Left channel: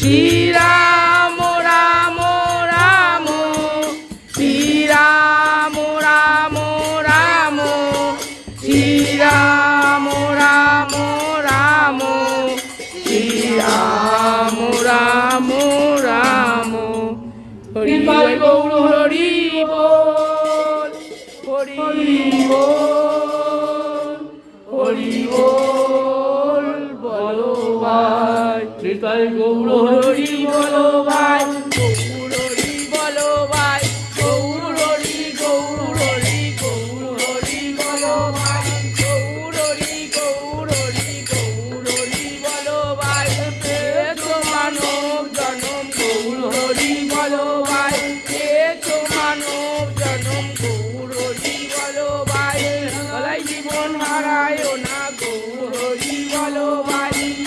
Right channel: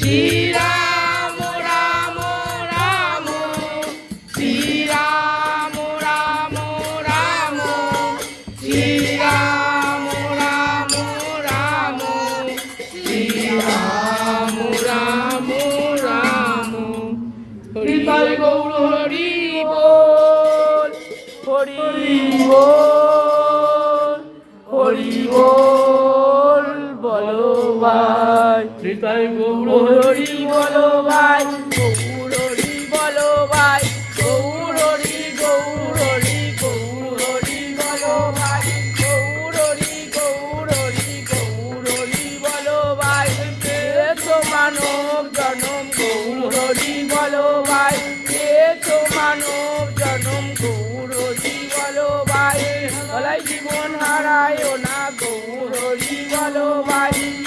শ্রীরাম রাম রাম শ্রীরাম রাম রাম শ্রীরাম রাম রাম শ্রীরাম রাম রাম হরি গৌর হরি বল হরি বল হরি বল বলো ভাই নিতাই গৌর হরি বলো ভাই গৌর হরি বলো ভাই গৌর হরি গৌর হরি গৌর হরি বলো ভাই গৌর হরি গৌর হরি গৌর হরি বলো ভাই তো মানব জনম গৌর হরি বলো ভাই তো মানব জনম গৌর হরি বলো ভাই গলায় জীবন হারায় না গৌর হরি বলো ভাই